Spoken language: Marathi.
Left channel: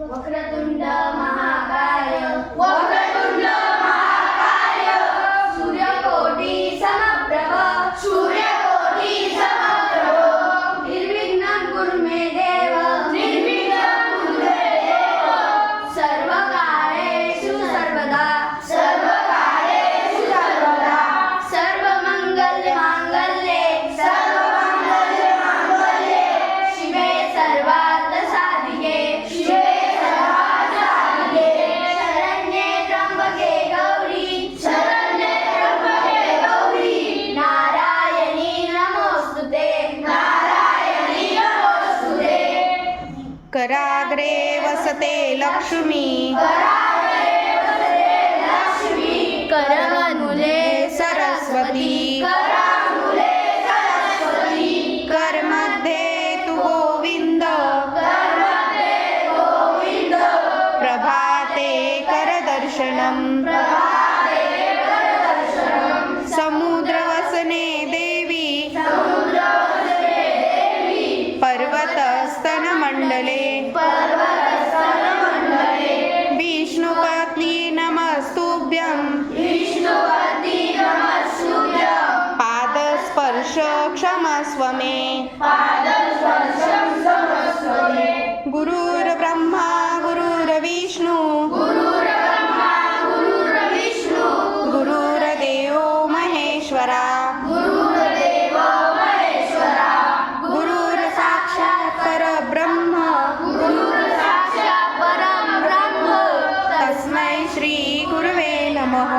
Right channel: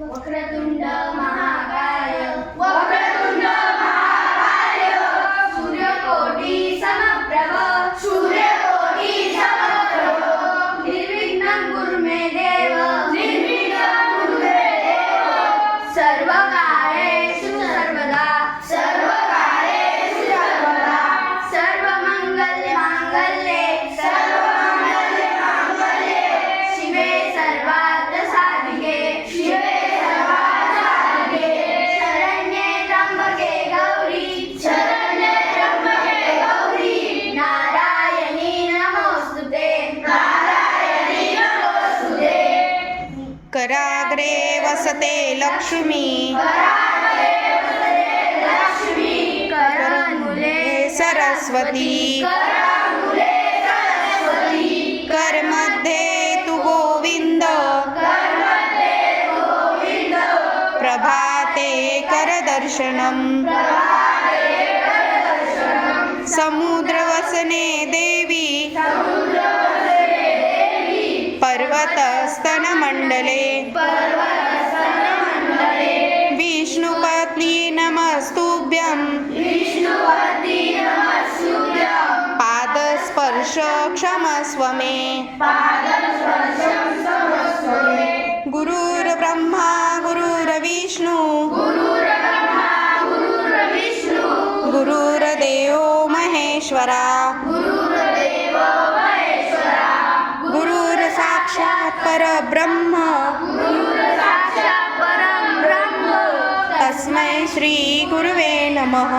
वक्रतुंड महाकाय वक्रतुंड महाकाय सूर्यकोटि समप्रभ सूर्यकोटि समप्रभ निर्विघ्नं कुरु मे देव निर्विघ्नं कुरु मे देव सर्वकार्येषु सर्वदा सर्वकार्येषु सर्वदा सर्वमंगलमांगल्ये सर्वमंगलमांगल्ये शिवे सर्वार्थ साधिके शिवे सर्वार्थ साधिके शरण्ये त्र्यंबके गौरी शरण्ये त्र्यंबके गौरी नारायणी नमोस्तुते नारायणी नमोस्तुते कराग्रे वसते लक्ष्मी करमूले सरस्वती करामूले सरस्वती करमध्ये तु गोविंद कर्मते गोविंद प्रभाते करदर्शनम् प्रभाते करदर्शनम् समुद्रवसने देवी समुद्रवसने देवी पर्वतस्तनमण्डले पर्वतस्तनमण्डले विष्णुपत्नी नमस्तुभ्यं विष्णुपत्नी नमस्तुभ्यं पादस्पर्श क्षमस्व मे पादस्पर्शं समस्व मे गुरुर्ब्रह्मा गुरुर्विष्णु गुरुर्ब्रह्मा गुरुर्विष्णु गुरुर्देवो महेश्वरा गुरुर्देव महेश्वरा गुरुर्साक्षात् परब्रह्म गुरुर्साक्षात् परं ब्रह्म तस्मै श्री गुरुवे नमः।